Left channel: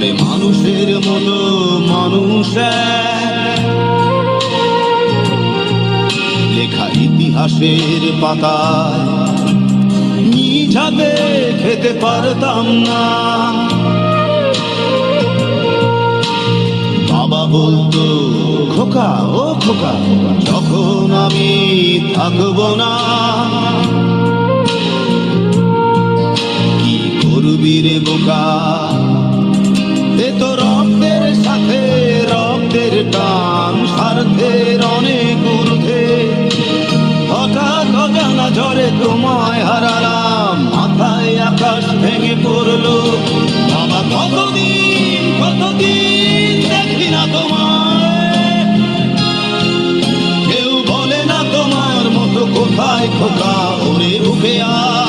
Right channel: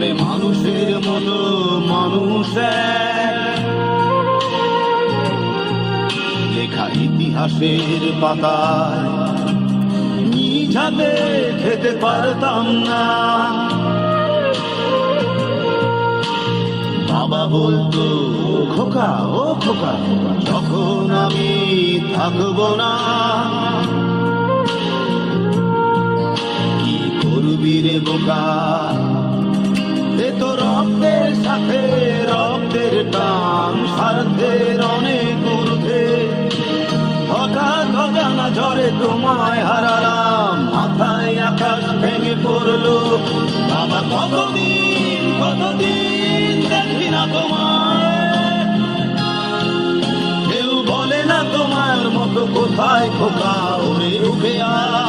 তবে মানুষের মতো মানুষের লেখা ইতিহাসের পাতায় নিজ হাতে খেতে পারতাম না। বাবা বলতো খোকা ও খোকা, যখন আমি থাকবো না কি করবি রে বোকা, সে তো রক্তের সাথে রক্তের টান, স্বার্থের অনেক ঊর্ধ্বে। হঠাৎ অজানা ঝড়ে তোমায় হারালাম, মাথায় আকাশ ভেঙে পড়লো। বাবা কতদিন কতদিন দেখি না তোমায়, কেউ বলে না তোমার মতো কোথায় খোকা, ওরে উঠে আয়।